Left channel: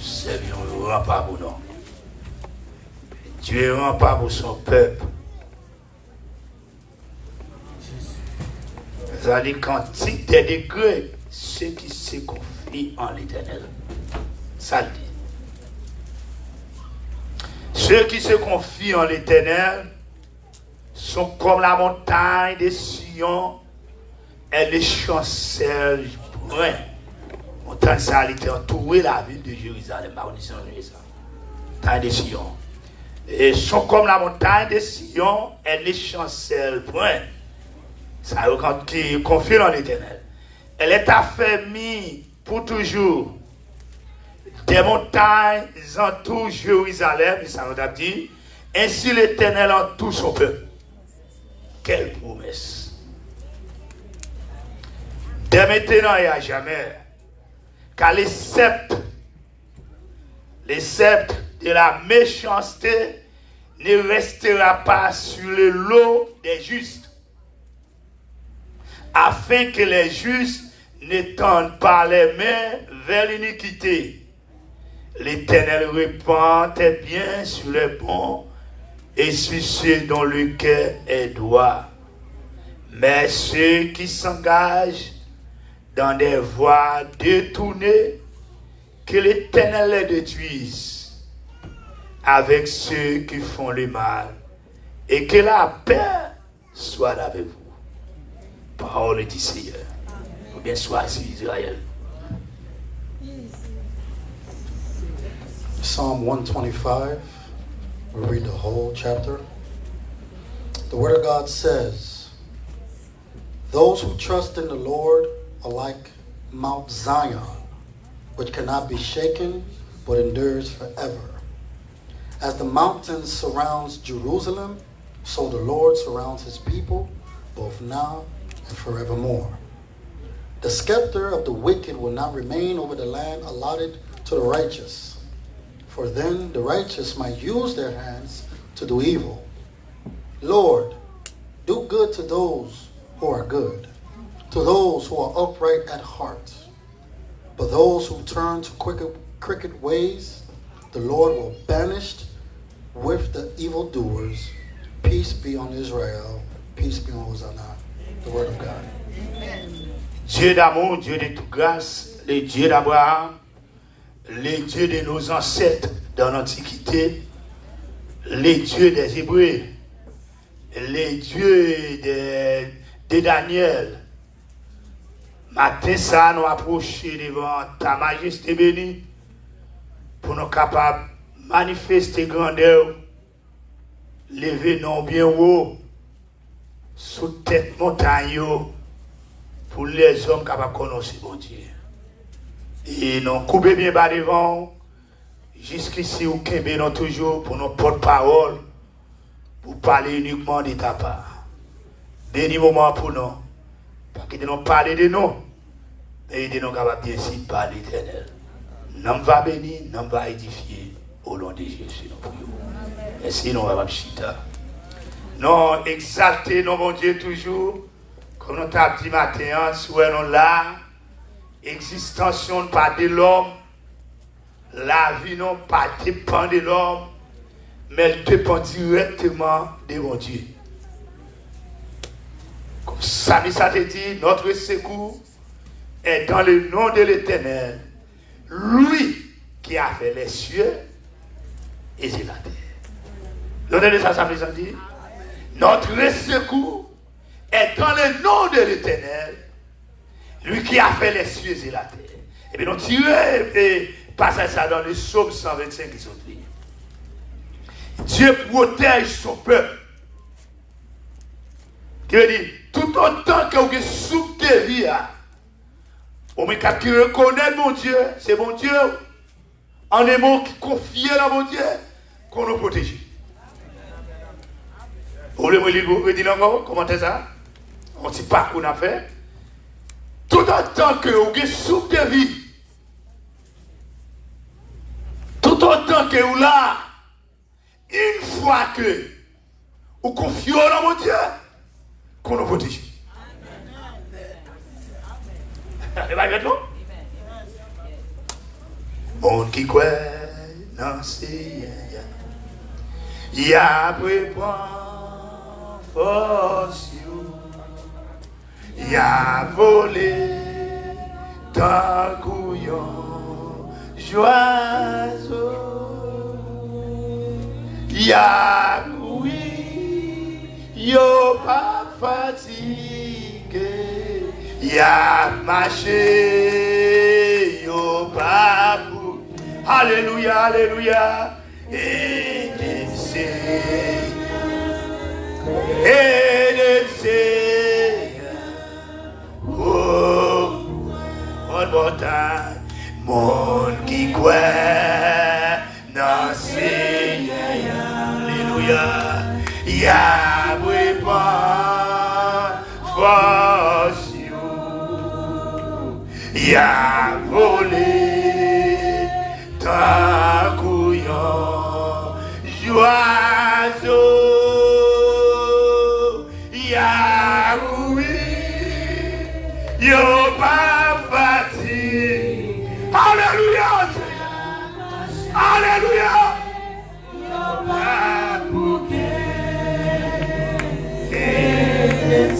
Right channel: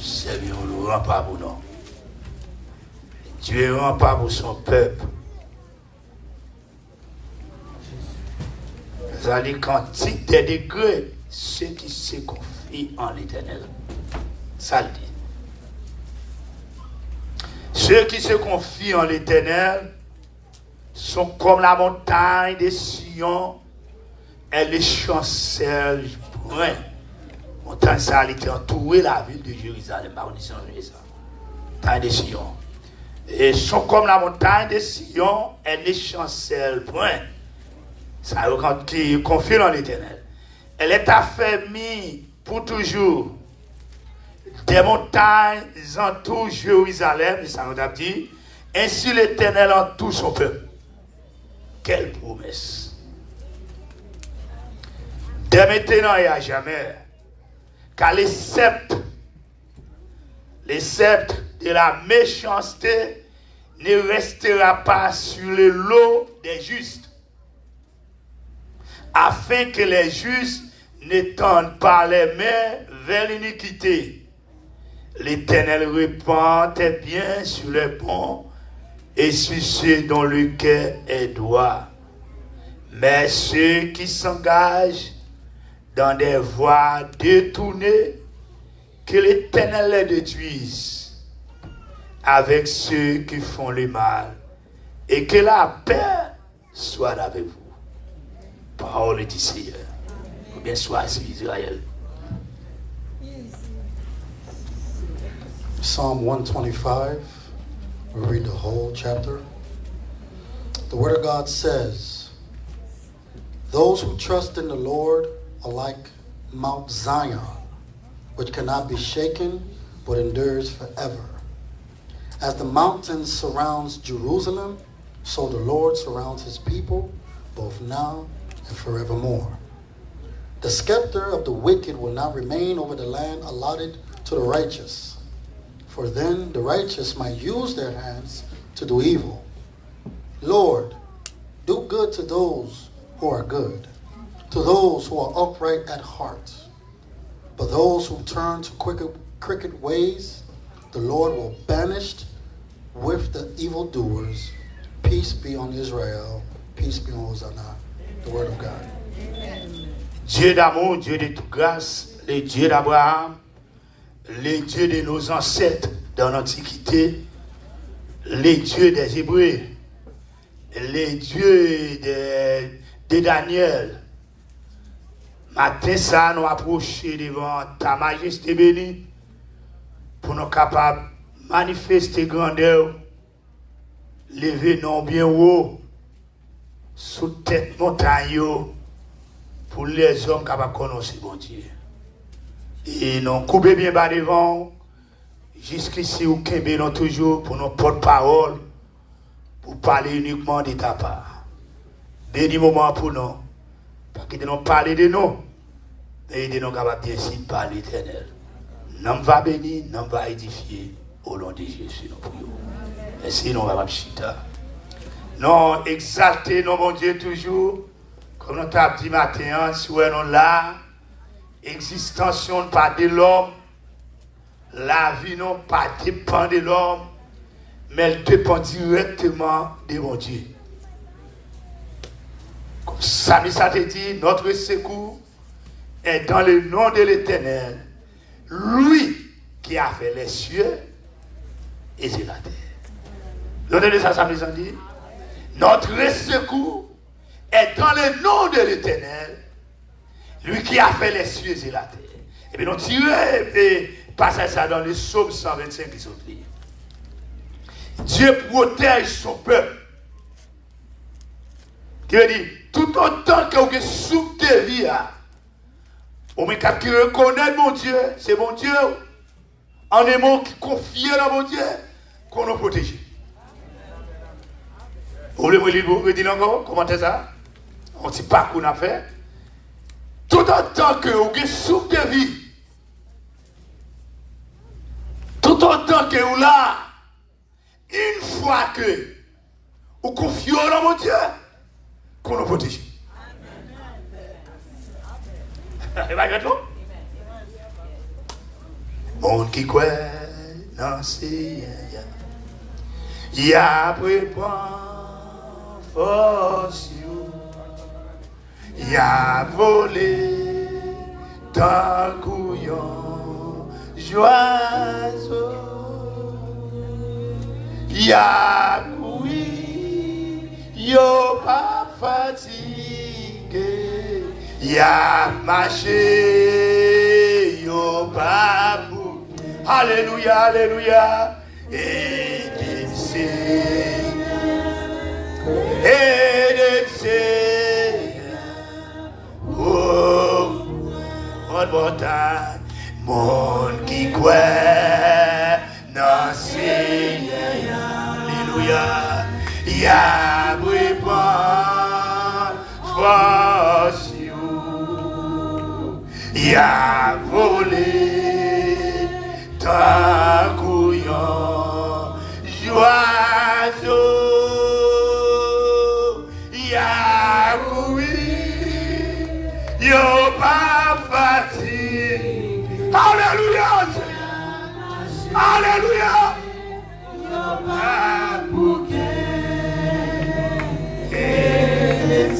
Seigneur ne rend pas pour nous. Dieu ne rend pas pour son peuple. Vous allez quantique des degrés, ceux qui se confient en l'Éternel. Ça le dit. Ceux qui se confient en l'Éternel sont comme la montagne de Sion, elle est chancelle point. Montagne ça, elle était entourée la ville de Jérusalem. Montagne de Sion. Et sont comme la montagne de Sion, elle est chancelle point. Ça veut dire qui confie en l'Éternel. Elle est affermie pour toujours. Des montagnes entourent Jérusalem, et ça veut dire, ainsi l'Éternel entoure son peuple. Quelle promesse! Dès maintenant et à jamais, car les sceptres de la méchanceté ne restera pas sur le lot des justes, afin que les justes ne tendent pas les mains vers l'iniquité. L'Éternel répand tes biens sur les bons et sur ceux dont le cœur est droit. Mais ceux qui s'engagent dans des voies détournées, que l'Éternel les détruise avec ceux qui font le mal, et que la paix soit avec vous. Parole du Seigneur. Ou bien soit sur Israël. Psalm 125, we read the whole chapter. The Word of God says, those who trust in the Lord are like Mount Zion, which cannot be shaken, but endures forever. As the mountain surrounds Jerusalem, so the Lord surrounds his people, both now and forevermore. The scepter of the wicked will not remain over the land allotted to the righteous. For then the righteous might use their hands to do evil. Lord, do good to those who are good, to those who are upright at heart. But those who turn to crooked ways, the Lord will banish with the evildoers. Peace be on Israel. Peace be on Hosanna. The word of God. Amen. Dieu d'amour, Dieu de toute grâce, le Dieu d'Abraham, les dieux de nos ancêtres dans l'Antiquité, les dieux des Hébreux, les dieux de Daniel. Matin, ça nous approcher devant ta majesté bénie pour nous capables de manifester grandeur, lever nos bien haut sous tête montagne pour les hommes capables de connaître mon Dieu. Et nous coupons bien bas devant, jusqu'ici, nous kembelons toujours pour nos porte-parole, pour parler uniquement de ta part. Béni moment pour nous, parce que nous parler de nous, mais de nous capables bien sûr par l'Éternel. Nous va bénir, nous va édifier au nom de Jésus. Nous prions. Merci, nous va chita. Nous exalter nos mon Dieu toujours, comme nous t'avons dit matin, soyons là. Existence non pas de l'homme, la vie non pas dépend de l'homme, mais elle dépend directement de mon Dieu. Comme ça te dit, notre secours est dans le nom de l'Éternel, lui qui a fait les cieux et la terre. Donnez ça, ça nous dit. Notre secours est dans le nom de l'Éternel, lui qui a fait les cieux et la terre. Et bien, nous tirons et passons ça dans le psaume 125 qui sont liés. Dieu protège son peuple. Qui veut dire, tout autant que vous êtes sous tes vies, on met qu'à reconnaître mon Dieu, c'est mon Dieu, en est mon qui confie dans mon Dieu, qu'on nous protège. Vous voulez dire encore, comment c'est ça? On ne sait pas qu'on a fait. Tout autant que vous êtes sous tes vies, tout autant que vous là, une fois que vous confiez dans mon Dieu, qu'on nous protège. Monde qui croit dans ces y a préparé force, y a volé ta couillon joyeux, y a couru, yo pas fatigué, y a marché, yo pas bout. Alléluia, alléluia. Et des oh, one more time, monde qui croit dans Seigneur, alléluia, y'a préparé force, y'a volé ta couillon, joyeux. Yo pas fatigué. Alléluia. Alléluia. Yo pas bouqué. Et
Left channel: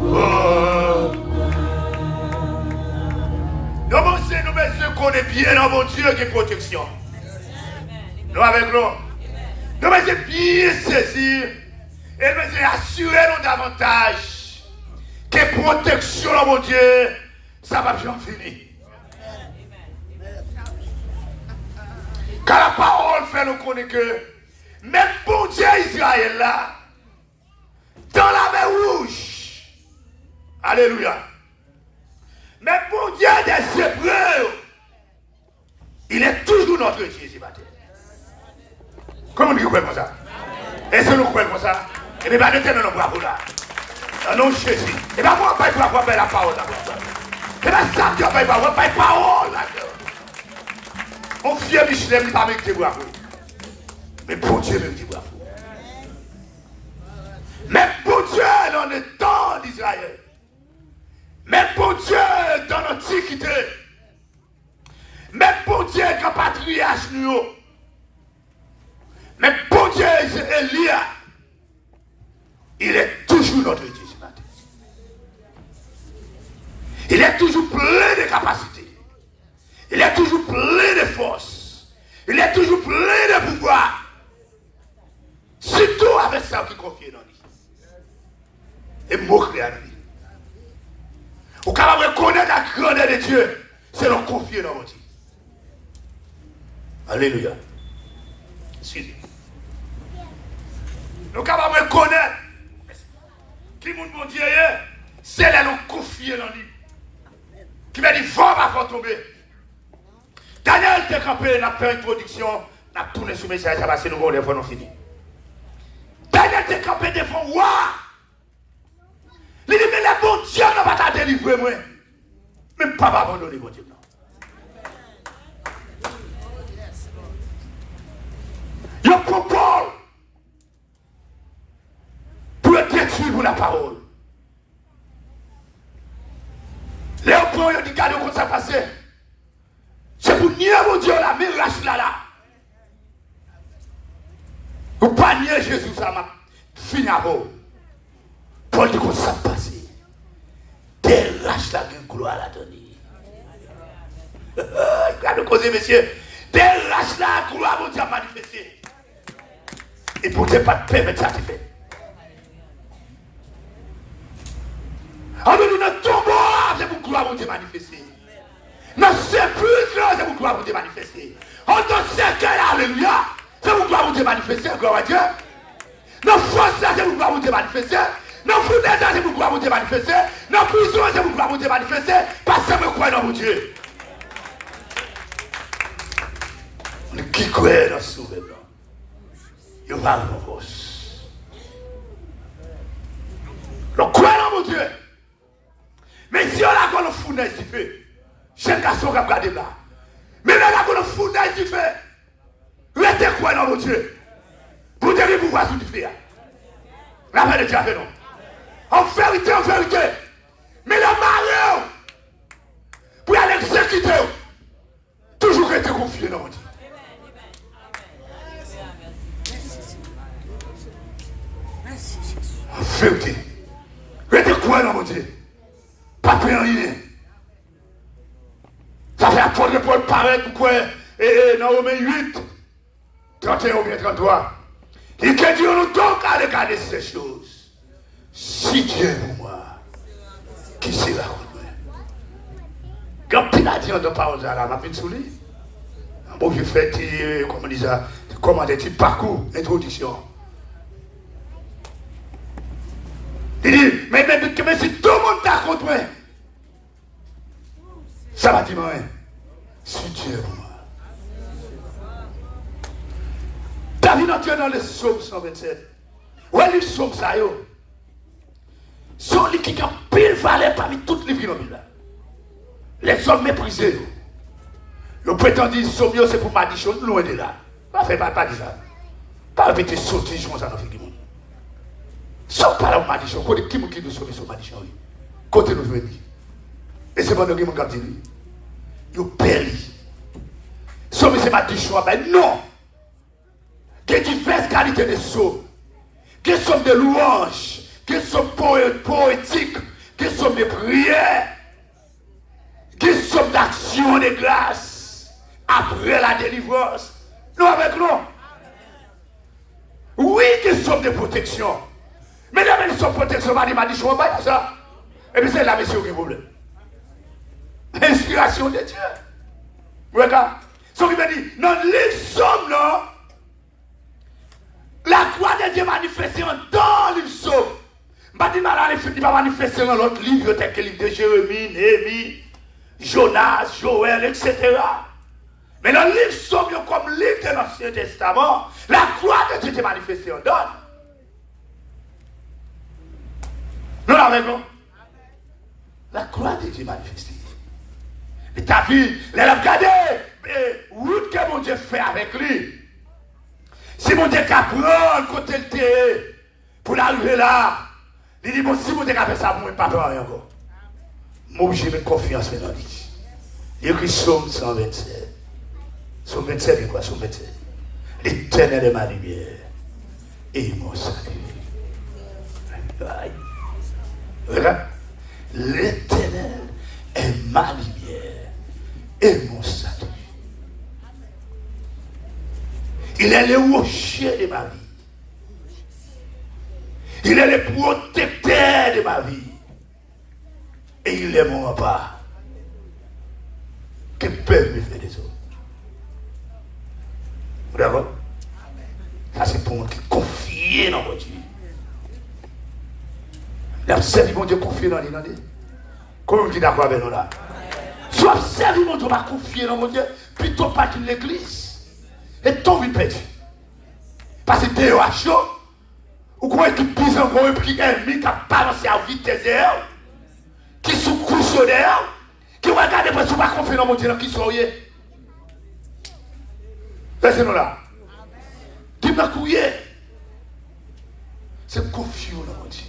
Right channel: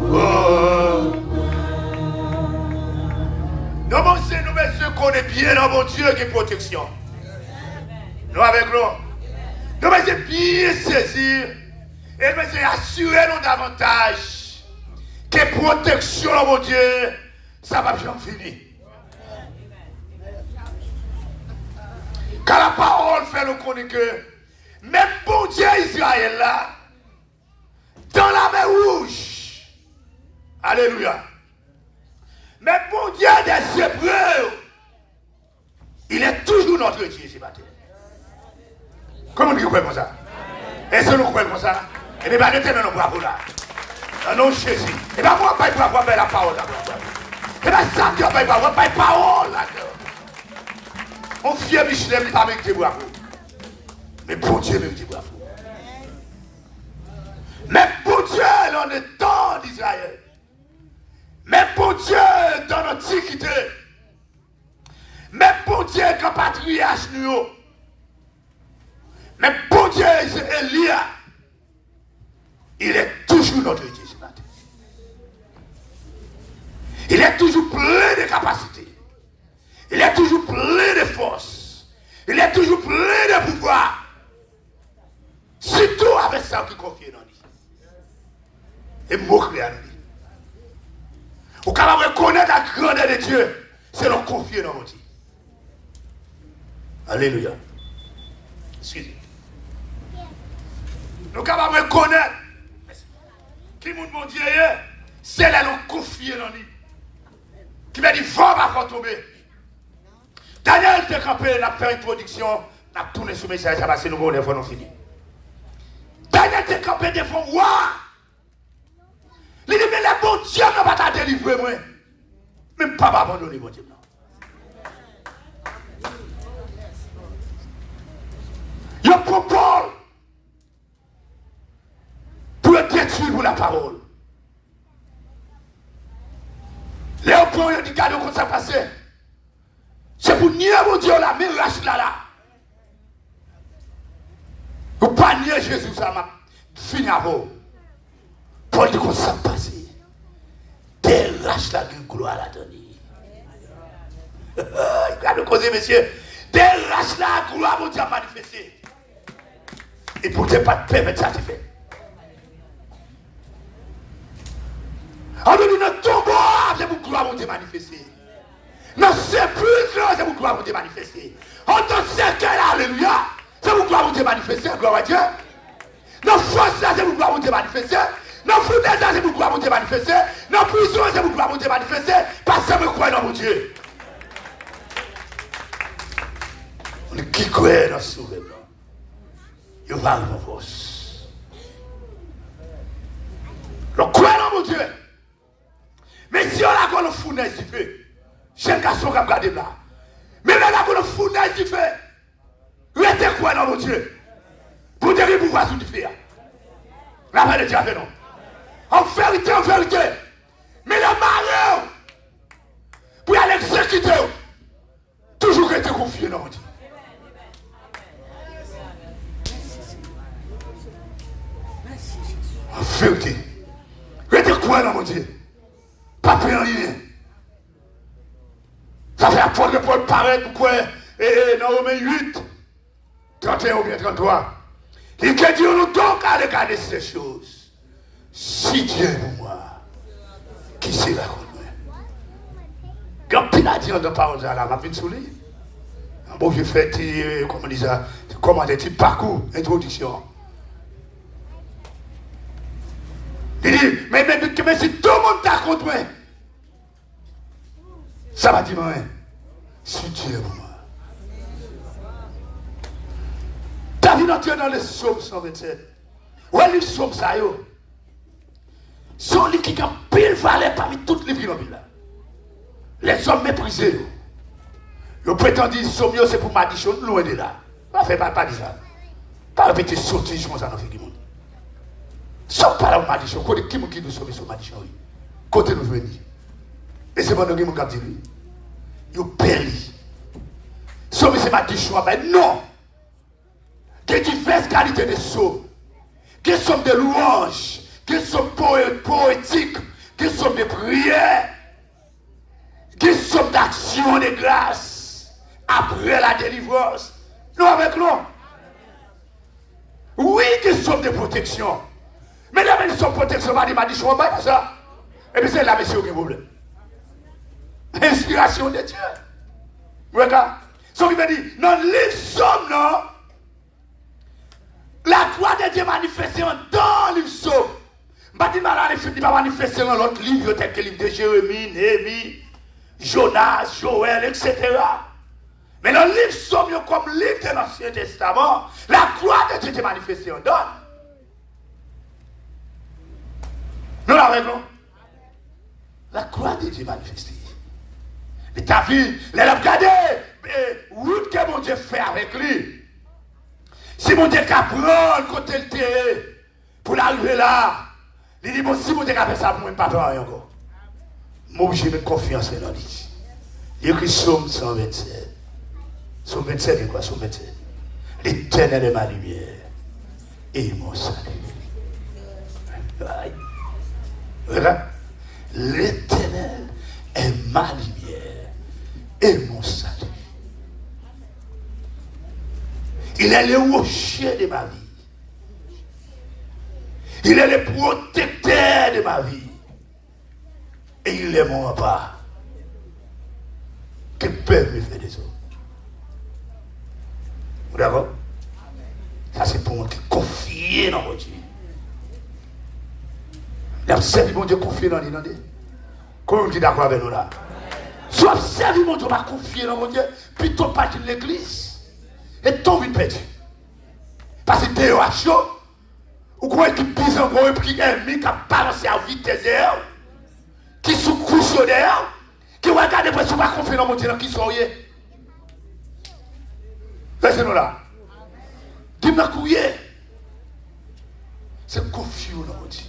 oh. Nous messieurs qu'on est bien dans mon Dieu qui est protection. Nous avec nous. Nous devons bien saisir et nous assurer nous davantage que protection, mon Dieu, ça va bien finir. Car la parole fait nous connaître que même bon Dieu Israël là, dans la mer rouge, alléluia, même bon Dieu des Hébreux, il est toujours notre Dieu ici matin. Comment nous croyons ça? Est-ce que nous croyons ça? Et bien, nous tenons nos bravos là. Non, Jésus. Et bien, moi, je ne vais pas faire la parole d'abord. Et bien, ça, tu ne vas pas faire la parole là. Mon fier Michelin, pas avec tes bravos. Mais pour Dieu, même tes bravos. Mais pour Dieu, dans le temps d'Israël. Mais pour Dieu, dans l'Antiquité. Mais pour Dieu, quand patriarche nous. Mais pour Dieu, c'est Elia. Il est toujours notre Dieu ce matin. Il est toujours plein de capacités. Il est toujours plein de force. Il est toujours plein de pouvoir. Surtout avec ça qui confie dans lui. Et moquer à lui. Pour capable de connaître la grandeur de Dieu, c'est leur confier dans lui. Alléluia. Excusez. Nous sommes capables de connaître qui nous bon Dieu est, c'est là nous confier dans lui. Qui m'a dit, va pas tomber. Daniel te campé, n'a fait une introduction, n'a tourné sur le message, ça va c'est nouveau, les fois nous fini. Daniel te campé devant moi. Il dit, mais le bon Dieu n'a pas délivré moi. Même pas abandonner mon Dieu. Il propose pour le détruire pour la parole. Les opposants du cadre comme ça passé. C'est pour nier mon Dieu là, mais lâche là. Pour pas nier Jésus, ça m'a fini à vous. Pour le comme ça passé. Délache la gloire à donner. Il va me causer, monsieur. Délache la gloire mon Dieu à manifester. Et pour ne pas te permettre ça, tu fais. Alors nous ne tombons pas, c'est pour gloire vous te manifester. Nous ne sommes plus là, c'est pour gloire vous te manifester. On te sait que alléluia, c'est pour gloire vous te manifester, gloire à Dieu. Nos forces là, c'est pour gloire vous te manifester. Nos foudres là, c'est pour gloire vous te manifester. Nos prisons, c'est pour gloire vous te manifester. Parce que nous croyons dans mon Dieu. Nous qui croyons dans ce souverain, il va nous force. Nous croyons dans mon Dieu. Mais si on a qu'on le fournaise du feu, chaque garçon qui a gardé là. Mais là, qu'on le fournaise du feu, restez quoi dans mon Dieu? Pour dire que vous voyez sous du feu. La paix de Dieu avec nous. En vérité, confier dans mon Dieu. En vérité. Restez quoi dans mon Dieu? Pas plus rien. Ça fait apprendre de Paul paraître quoi? Et dans Romains 8, 31 ou bien 33. Il que Dieu nous donc à regarder ces choses. Si Dieu est pour moi, qui sera contre moi? Quand il a dit en deux paroles à la m'a sous lui. Bon, je fais, comment on dit ça, comment dit parcours, introduction. Il dit, mais si tout le monde t'a contre moi, ça va dire rien. Si Dieu est pour moi. David entré dans le psaume 127. Ouais, le psaume ça, yo. Son livre qui a pile valeur parmi toutes les vies dans la les hommes méprisés. Le prétendu psaume, c'est pour Madichon, loin de là. Pas fait pas de ça. Pas répéter sortir, je ça dans le monde. Sauf pas là, Madichon. Côté qui nous sauve sur Madichon. Côté nous venir. Et c'est pas nous qui nous capte lui. Yo péri. Sauver c'est Madichon, ben non. Que diverses qualités de sauve. Que somme de louanges. Que somme poétique. Que somme de prières. Que somme d'action de grâce. Après la délivrance. Nous avec nous. Oui, que somme de protection. Mais la même somme de protection, m'a dit, je ne pas ça. Et puis c'est la mission qui vous plaît. Inspiration de Dieu. Regarde. Ce qui m'a dit, non, les sommes, non. La gloire de Dieu manifestée dans le psaume. Je ne dis pas manifester dans l'autre livre, tel que le livre de Jérémie, Néhémie, Jonas, Joël, etc. Mais dans le livre psaume, comme livre de l'Ancien Testament, la gloire de Dieu est manifestée en donne. Nous l'avons. La gloire de Dieu est manifestée. Et ta vie, elle a regardé, route que mon Dieu fait avec lui. Si mon Dieu a prendre côté le thé pour l'arriver là, il dit, bon, si mon Dieu a fait ça pour moi, pas rien encore. Moi, j'ai une confiance dans lui. Il écrit Psaume 127. Psaume 27, c'est quoi, Psaume 27? L'Éternel est ma lumière et mon salut. Regarde, l'Éternel est ma lumière et mon salut. Il est le rocher de ma vie. Il est le protecteur de ma vie. Et il est mon rempart. Que peuvent me faire des autres. Vous d'accord? Ça c'est pour moi qui confie dans mon Dieu. L'observe mon Dieu confier dans l'identité. Comment vous dites d'accord avec nous là? Si observe mon Dieu va confier dans mon Dieu, plutôt pas de l'église. Et tombe une perdu. Parce que t'es à chaud. Ou quoi qui pise en gros et puis ennemi qui a balancé à vitesse d'air. Qui sous couche d'air. Qui regarde parce que pas confier dans mon Dieu qui soyez. Laissez-nous là. Qui m'a couillé. C'est confier dans mon Dieu.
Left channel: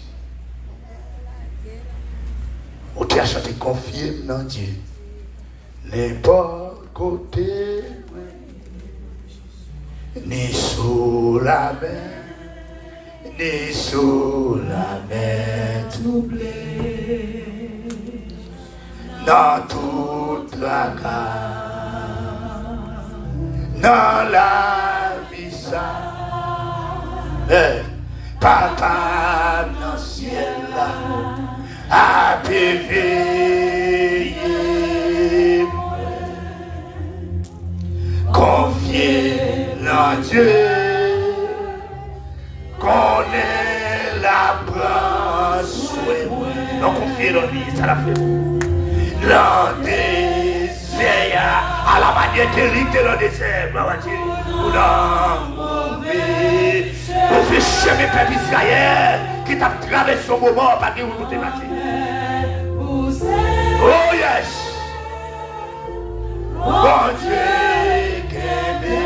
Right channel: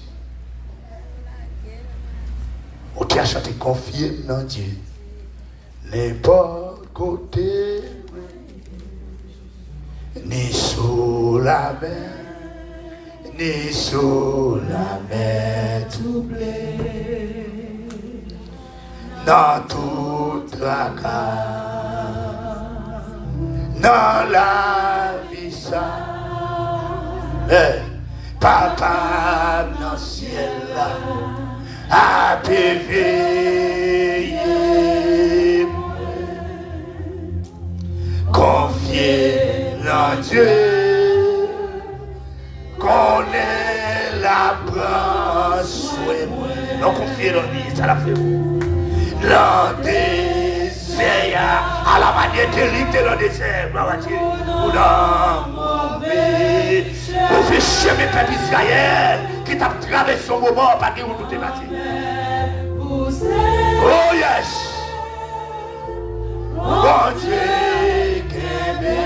On qui a chanté confier dans Dieu. N'importe côté. Ni sous la mer, ni sous la mer troublée, dans toute la carte, dans la vie ça, papa dans le ciel là, a éveillé, confié. Dieu connaît la branche. Non, confier dans lui, ça l'a fait. Dans le désert, à la manière terrible dans le désert, ou dans mauvais. Pour faire chemin peuple Israël qui t'a traversé au moment par qui vous tout est parti. Oh yes! Bon Dieu, qu'aimé.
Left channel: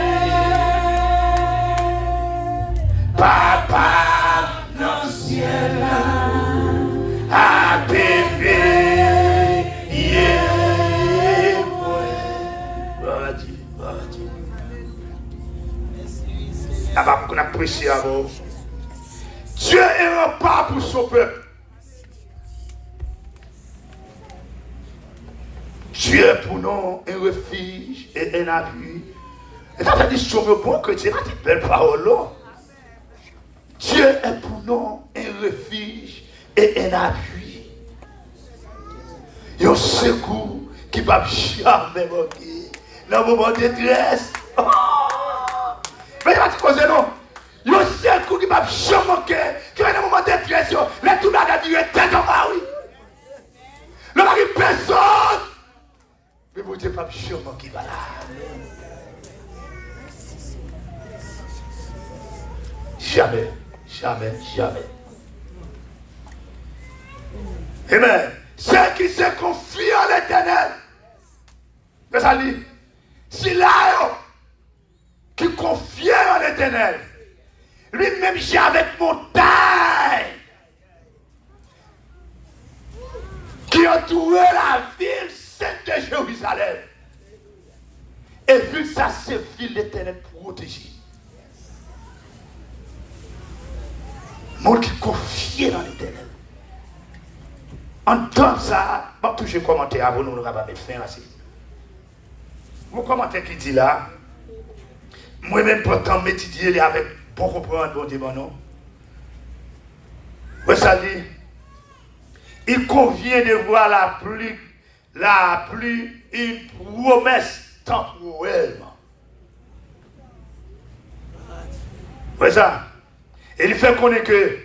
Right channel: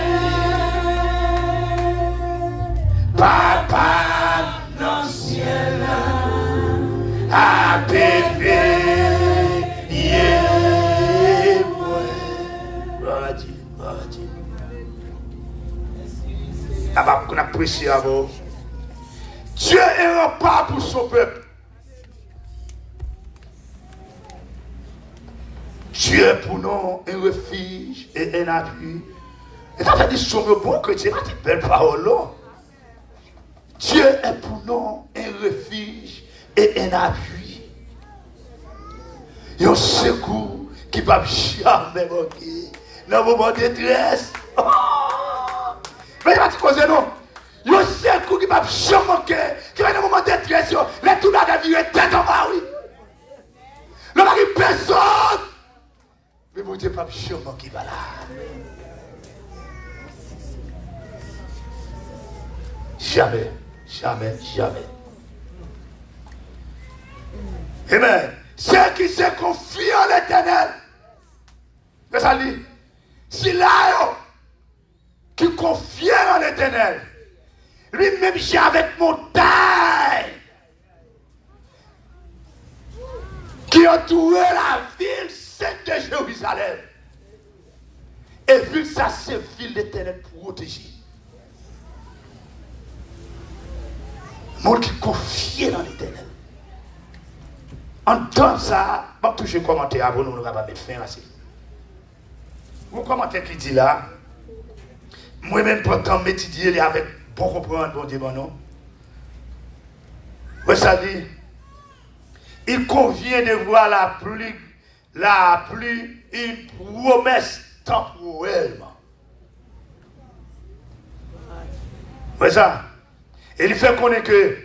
Papa, dans le ciel, a bébé, yeah, gloire à Dieu, gloire à Dieu. appréciable. Dieu est un pas pour son peuple. Dieu est pour nous un refuge et un appui. Et ça fait dire sur le bon que Dieu a dit belle parole là. Dieu est pour nous un refuge et un appui. Un secours qui ne va jamais manquer dans le moment de détresse. Mais il va te causer non. Un secours qui ne va jamais manquer, qui va dans le moment de détresse. Là, tout le monde a dit tête en bas, oui. Le mari personne. Mais vous dites pas jamais manquer là. Jamais, jamais, jamais. Amen. Ceux qui se confient en l'Éternel, c'est ça dit, si là, qui confient en l'Éternel, lui-même j'ai avec montagne, qui entoure la ville sainte de Jérusalem. Et vu que ça, c'est ville l'Éternel protégée. Monde qui confie dans l'Éternel. En tant que ça, je vais toucher le commentaire avant nous, nous allons mettre fin à ça. Mon commentaire qui dit là, moi-même, pourtant, m'étudier avec bon comprendre, bon Dieu, bon non. Ça dit, il convient de voir la pluie, une promesse temporelle. C'est ça. Et il fait connaître que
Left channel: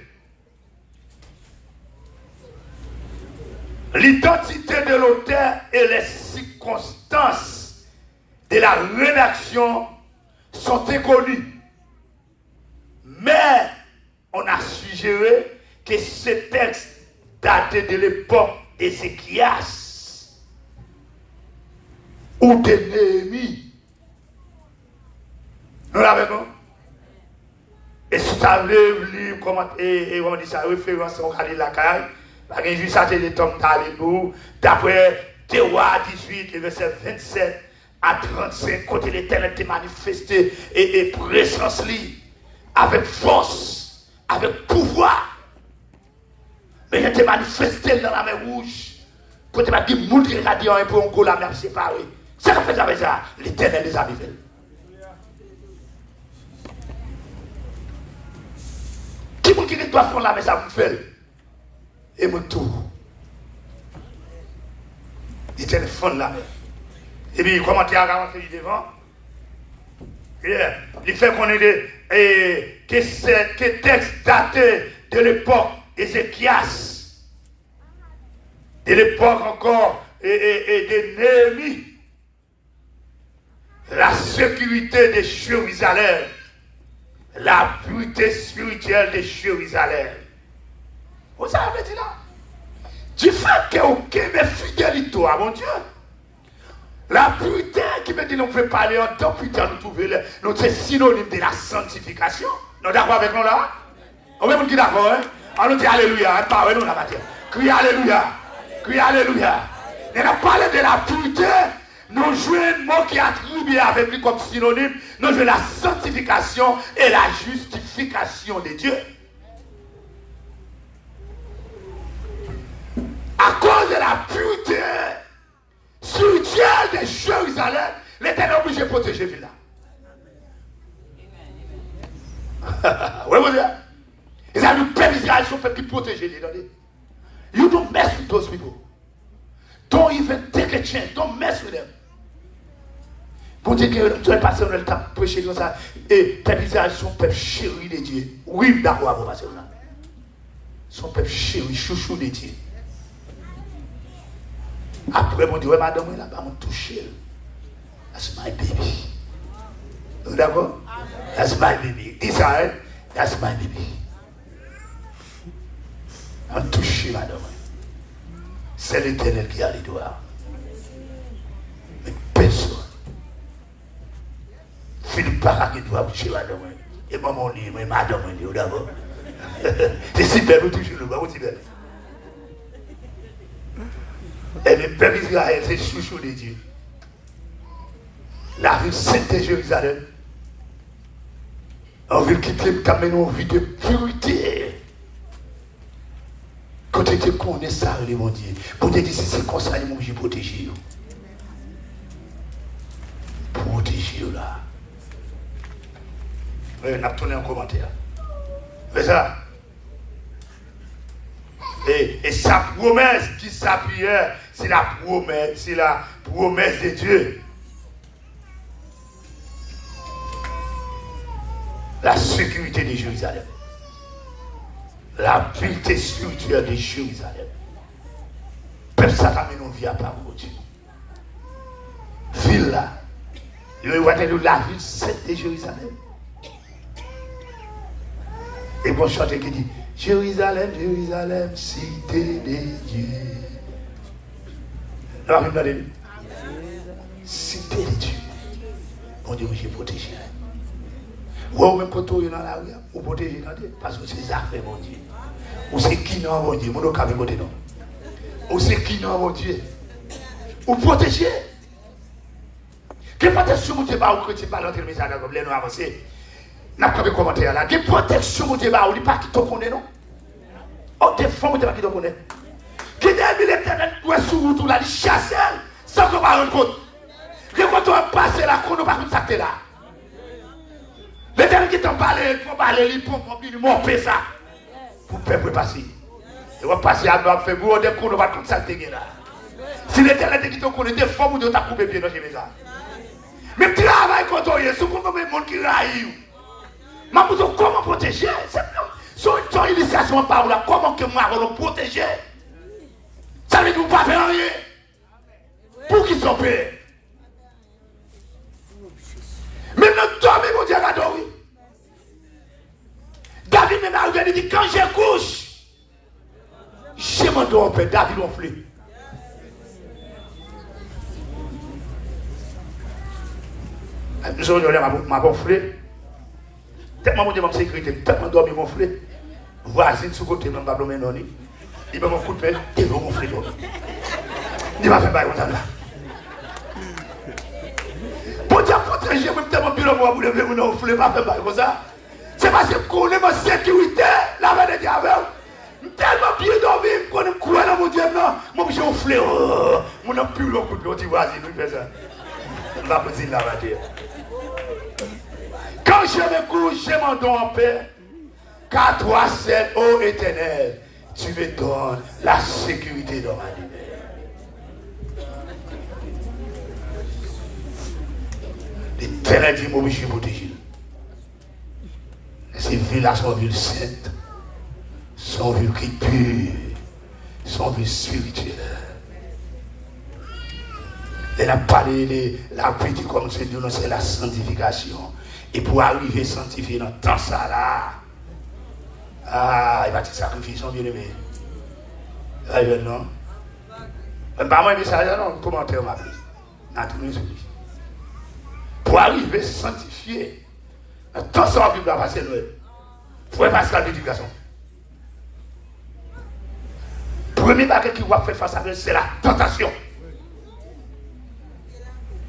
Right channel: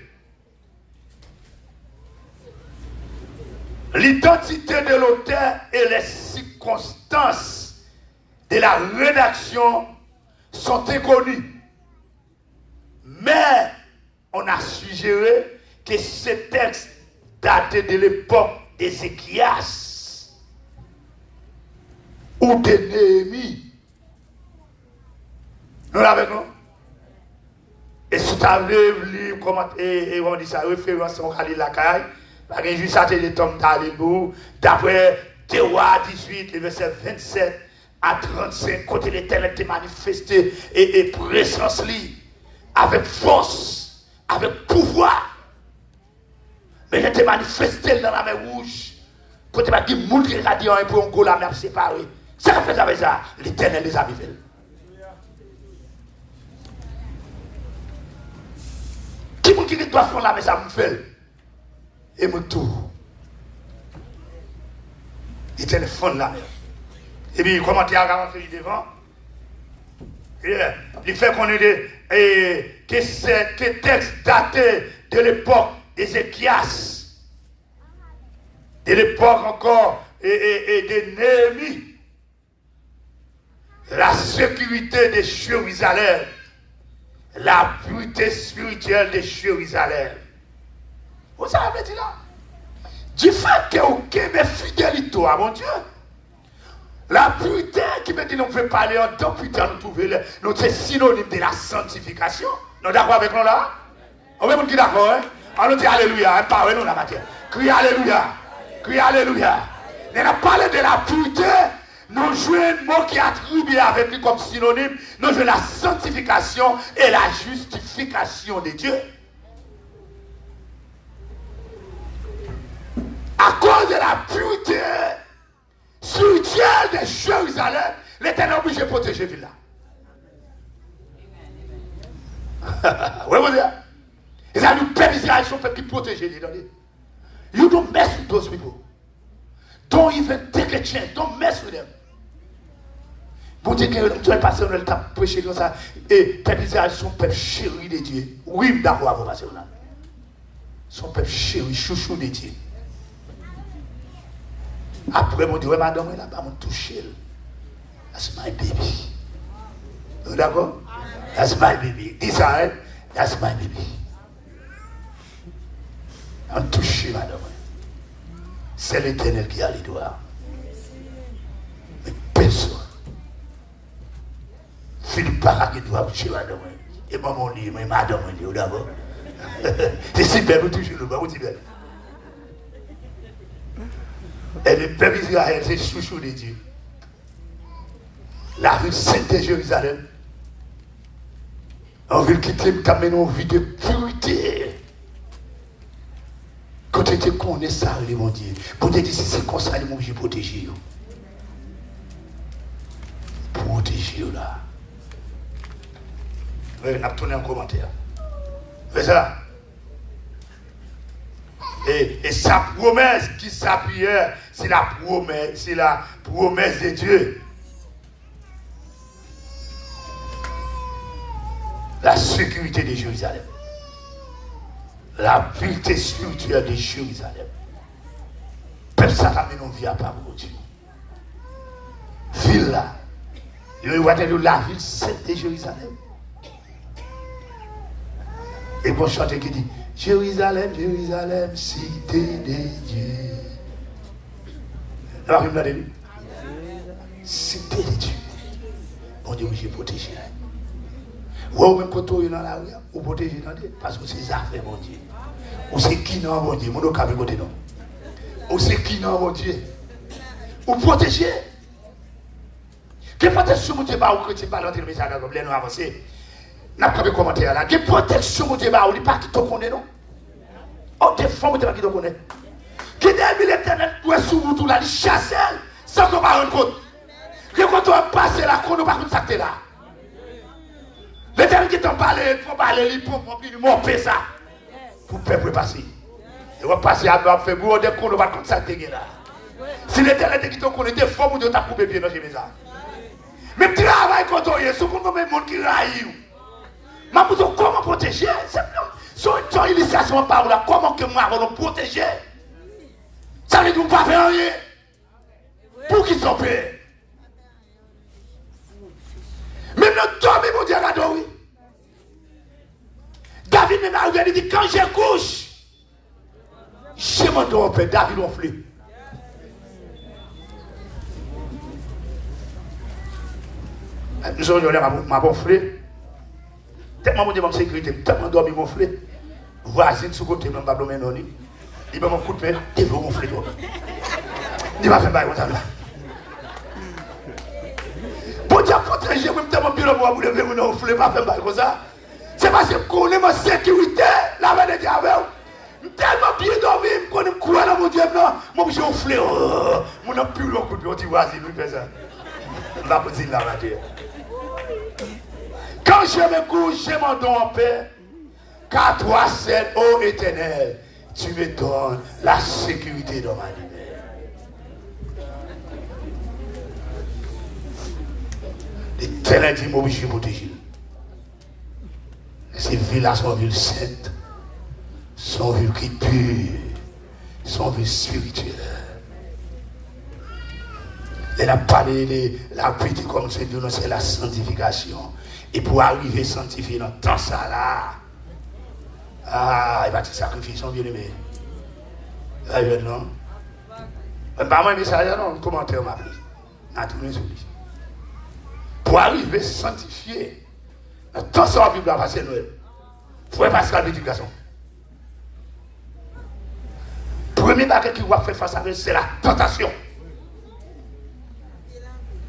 l'identité de l'auteur et les circonstances de la rédaction sont inconnues. Mais on a suggéré que ce texte datait de l'époque d'Ézéchias ou de Néhémie. Nous l'avons. Et si tu as lu comment on dit ça, référence à Khalil Lakai, par exemple, juste à le temps d'Alléluia, d'après Théoua 18, le verset 27 à 35, côté l'Éternel t'est manifesté et présence avec force, avec pouvoir. Mais il était manifesté dans la mer rouge. Côté m'a dit, moun qui a dit un peu en go la mer séparée. C'est ce qu'on fait avec ça, l'Éternel les a vivés. Qui vous qui doit faire la messe à vous faire? Et mon tour. Il téléphone là. Et puis, comment tu as avancé devant? Il fait qu'on ait que texte daté de l'époque d'Ézéchias, de l'époque encore et de Néhémie. La sécurité de Jérusalem. La pureté spirituelle de Jérusalem. Vous savez dit là? Du fait que vous avez fidélité à mon Dieu. La pureté qui me dit nous pouvons parler en tant que putain, nous trouvons nous c'est synonyme de la sanctification. Nous d'accord avec nous là? On va dire d'accord, hein? Alors dit Alléluia, parlez nous la matière. Criez Alléluia. Criez Alléluia. On a parlé de la pureté. Nous jouons un mot qui est attribué avec lui comme synonyme. Nous jouons la sanctification et la justification de Dieu. À cause de la pureté spirituelle de Jérusalem, l'Éternel est obligé de protéger la ville là. Oui, vous dites. Ils ont une peuple son peuple qui protège les gens. You don't mess with those people. Don't even take a chance. Don't mess with them. Pour dire que tu es passé dans le temps de prêcher comme ça, et tes visages sont peuple chéri de Dieu. Oui, d'accord, vous passez là. Son peuple chéri, chouchou de Dieu. Après, mon Dieu, madame, là-bas, on touche. That's my baby. Vous d'accord? That's my baby. Israël, that's my baby. On touche, madame. C'est l'Éternel qui a les doigts. Mais personne. Philippe Parra qui doit toucher madame. Et maman dit, mais madame, on dit d'abord. C'est si belle, vous touchez le bas, vous dites belle. Et le peuple Israël, c'est chouchou de Dieu. La rue sainte de Jérusalem. On veut quitter t'amener une vie de pureté. Quand tu te connais ça, mon Dieu. Bon Dieu dit, si c'est comme ça, mon Dieu, protéger. Protéger là. On a tourné en commentaire. C'est ça. Et sa promesse qui s'appuyait, c'est la promesse de Dieu. La sécurité de Jérusalem. La vérité spirituelle de Jérusalem. Peuple ça ramène une vie à part de Dieu. Ville là. Il va être la ville sainte de Jérusalem. Et bon chanteur qui dit Jérusalem, Jérusalem, cité de Dieu. Alors, regardez-le. Cité de Dieu. On dit que j'ai protégé. Ou même quand on est dans la rue, on protège parce que c'est ça fait mon Dieu. On sait qui non mon Dieu. Mon nom est côté non. On sait qui non mon Dieu. On protège. Quelle protection mon Dieu va au chrétien par l'entrée de message comme les noirs avancés. N'a pas de commentaire là. Quelle protection mon Dieu va ou pas qui te connaît non. Oh des femmes qui te connaît. Qui dit l'éternel doit sur route là, il chasse sans qu'on va rendre compte. Que quand on passe là, qu'on ne va pas s'acter là. L'éternel qui t'en parle, il faut monter ça. Pour le peuple passer. Il va passer à nous, faire gros, dès qu'on ne va pas s'acter là. Si l'éternel qui te connaît, des fois, vous devez couper bien dans les maisons. Mais travail quand on est, ce qu'on veut, monde qui raille. Mais vous comment protéger? C'est une initiation par là. Comment que moi, on nous protéger? Ça veut dire que vous ne pouvez pas faire rien. Pour qu'ils soient payés. Même le temps, mon Dieu, là, oui. David même arrivé, il dit quand je couche, je m'en dois en paix. David enflé. Je m'a gonflé. Tellement mon Dieu, ma sécurité, tellement dormi mon flé. Voisine sur côté, non, pas blâmer non. Il m'a mon coup de pied, il va gonfler. Il va faire bail au là. Pour dire protéger, vous tellement bien le moi, vous levez mon nom, vous pas faire bail comme ça. C'est parce que qu'on est ma sécurité, la main de Dieu avec vous. Tellement bien dormi, qu'on est quoi dans mon Dieu, non. Moi, je suis gonflé. Mon nom plus le coup de pied, on dit voisine, il fait ça. On va plaisir là, la Dieu. Quand je me couche, je m'endors en paix. Car toi seul, ô Éternel, tu me donnes la sécurité dans ma vie. L'Éternel dit, moi, je suis protégé. Ces villes-là sont villes saintes, sont villes qui pures, sont villes spirituelles. Elle a parlé, la petite comme c'est dit, c'est la sanctification. Et pour arriver à sanctifier dans tout ça là, il va te sacrifier son bien-aimé. Non. Pas moi, mais ça, non, commentaire m'a pris. Pour arriver à sanctifier, dans tout ça, il va passer Noël. Il faut passer la l'éducation. Premier bagage qui va faire face à elle, c'est la tentation.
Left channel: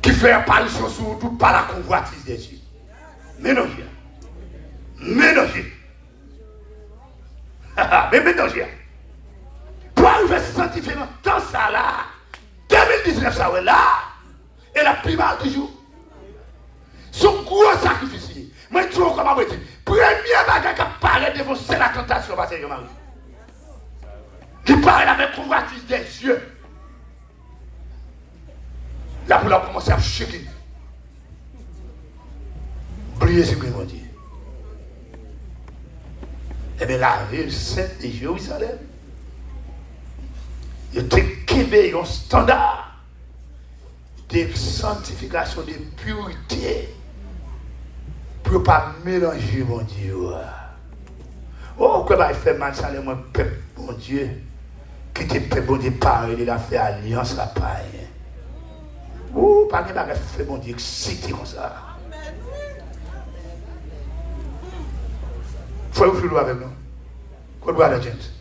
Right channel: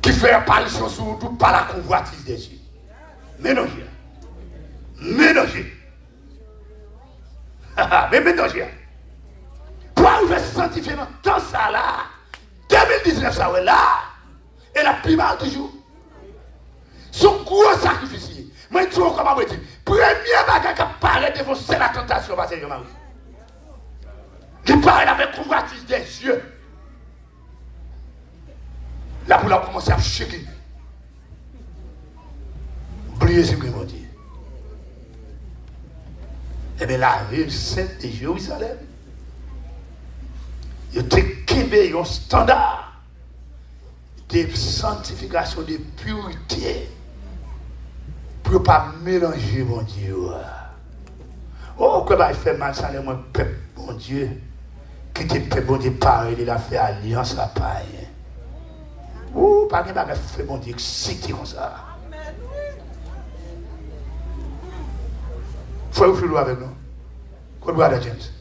Qui fait apparition sur tout par la convoitise des yeux. Mélanger. Mélanger. Mais mélanger. Pour arriver à se sanctifier dans tout ça là, 2019 ça ouais là, et la plupart du jour, son gros sacrifice. Mais tu vois comment je dis, premier bagage qui apparaît devant c'est la tentation, parce que je m'en qui parle avec convoitise des yeux. Là, pour la commencer à shaker. Priez ce que mon Dieu. Eh bien, la ville sainte de Jérusalem, il y a un standard de sanctification, de pureté, pour ne pas mélanger mon Dieu. Oh, que va faire mal, ça, mon peuple, mon Dieu, qui te fait bon départ, il a fait alliance à paille. Oh, pas de bagage fait mon Dieu, excité comme ça. Faut vous faire avec nous. Qu'on doit la gente.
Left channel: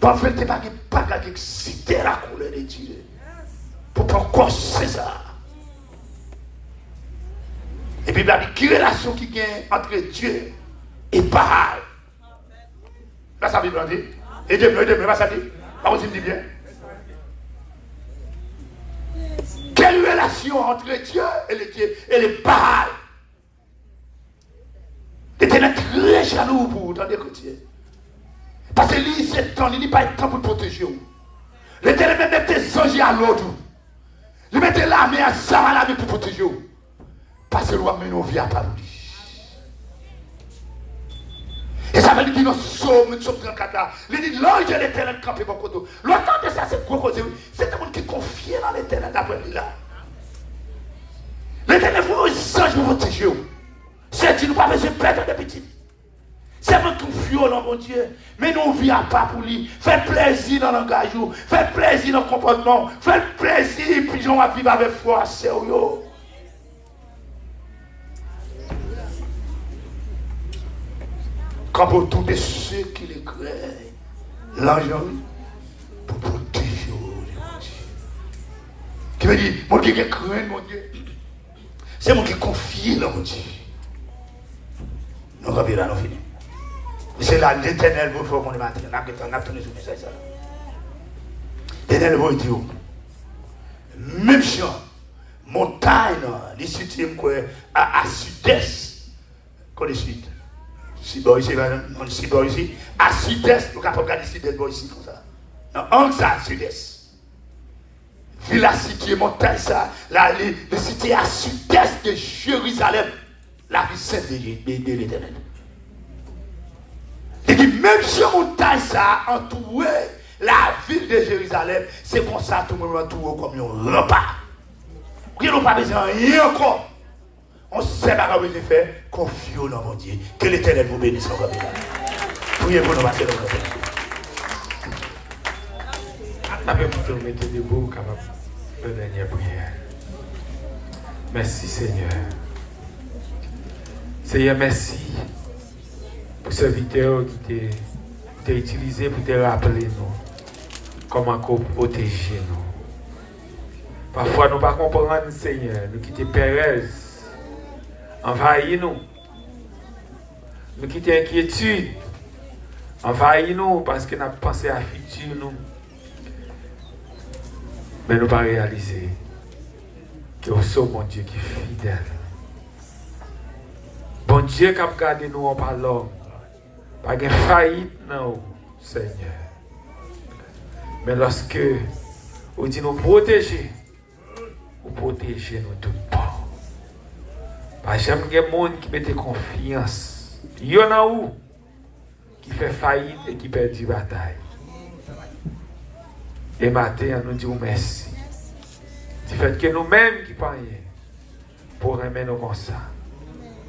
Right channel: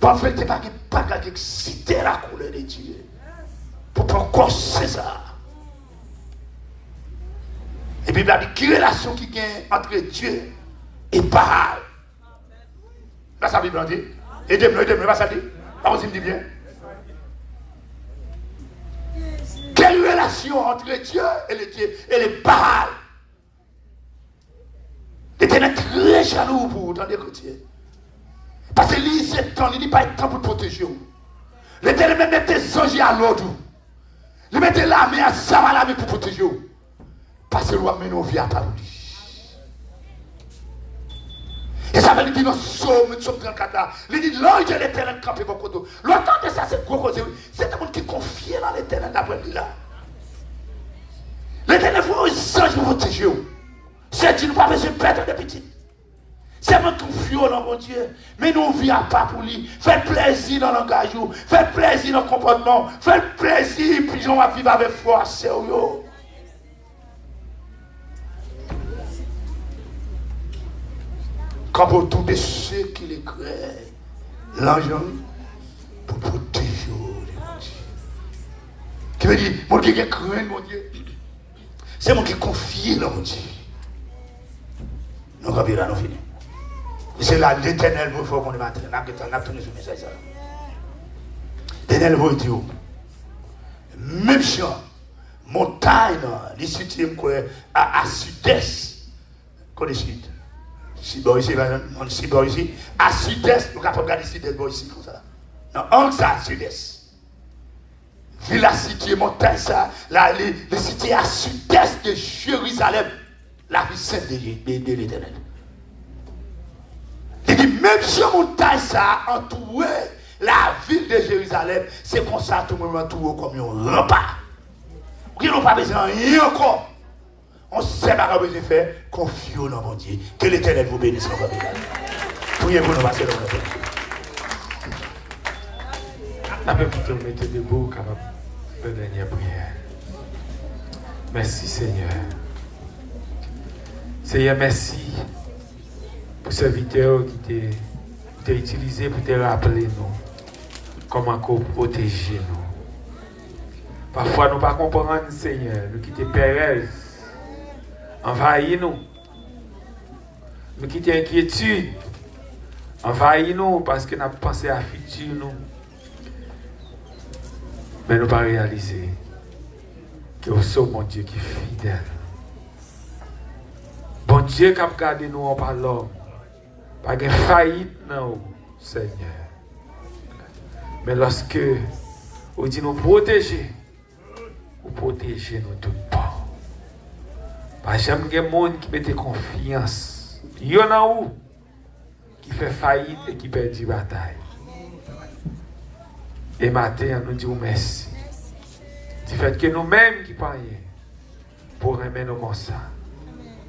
Pas faire des bagages excité la couleur de Dieu. Pour pas encore César. Et puis il a dit, quelle relation qui est entre Dieu et Baal? Là, ça veut dire, aidez-moi, pas ça dit? Pas vous me dit bien. Quelle relation entre Dieu et les Baal? L'Éternel très jaloux pour vous, dans les côtés. Parce que lui, c'est temps, il n'est pas temps pour protéger vous. L'Éternel même mettait songe à l'autre. Il mettait l'armée à Samalami pour protéger vous. Parce que l'homme nous vient par lui. Et ça veut dire dans Somme 34, il dit l'ange de l'Éternel campé pour côté. Longtemps de ça, c'est gros cause. C'est un monde qui est confié dans l'Éternel d'après lui là. L'Éternel faut un songe pour protéger vous. C'est une pas besoin de perdre de petit. C'est pas tout fio dans mon Dieu. Mais nous vivons pas pour lui. Faites plaisir dans le langage. Faites plaisir dans le comportement. Faites plaisir. Puis on va vivre avec foi. Sérieux. Quand pour tous ceux qui les créent, l'argent pour protéger. Qui veut dire, mon Dieu qui craint, mon Dieu. C'est moi qui confie dans mon Dieu. Nous avons fini. C'est là l'Éternel vous fait mon matin. On a tourné sur le message. L'Éternel vous dit, même champ, montagne, les situés à sud-est, comme les sud. Si bon ici, à sud-est, nous avons regardé sud-est, bon ici, comme ça. Non, en ça, sud-est. Villa située, montagne, ça, là, les cités à sud-est de Jérusalem, la vie sainte de l'Éternel. Il dit, même si montagne ça entouré la ville de Jérusalem, c'est comme ça tout le monde entouré comme un repas. Il n'y a pas besoin de rien encore. On sait pas besoin de faire confiance dans mon Dieu. Que l'Éternel vous bénisse en votre vie. Priez-vous nous passer dans notre vie. Après que vous mettez debout, capable de faire une dernière prière. Merci Seigneur. Seigneur, merci pour ce serviteur qui t'a utilisé pour te rappeler nous comment protéger nous. Parfois nous ne comprenons pas, Seigneur, nous quittons Pérez, envahis nous. Nous quittons inquiétude, envahis nous parce que nous avons pensé à futur nous. Mais nous ne pas réaliser que vous sommes mon Dieu qui est fidèle. Bon Dieu qui a gardé nous en parlant. Pas de faillite, non, Seigneur. Mais lorsque vous dites nous protéger, vous protégez nous tout le temps. Parce que j'aime les gens qui mettent confiance. Il y en a où qui fait faillite et qui perd la bataille. Et matin, nous disons merci. Du fait que nous-mêmes qui parlons, pour remettre nous comme ça,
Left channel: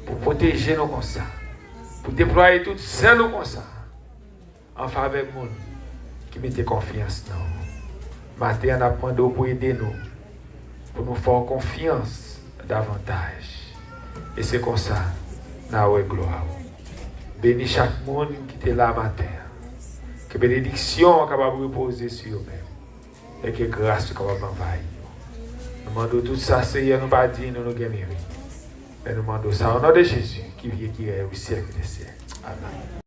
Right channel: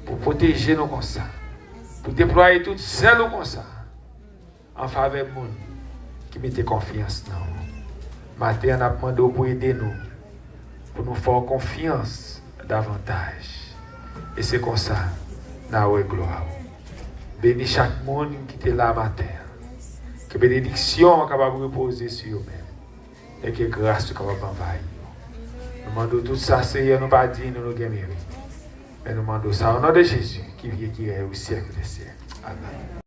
pour protéger nous comme ça, pour déployer tout seul comme ça, en faveur de nous qui mettent confiance dans nous. Matin, on a demandé pour aider nous, pour nous faire confiance davantage. Et c'est comme ça, nous avons gloire. Bénis chaque monde qui est là matin. Que bénédiction capable de reposer sur eux-mêmes. Et que grâce capable d'envahir. Nous demandons tout ça, Seigneur, nous pas dire nous gagnons. Mais nous demandons ça au nom de Jésus qui vient qui est au siècle des siècles. Amen.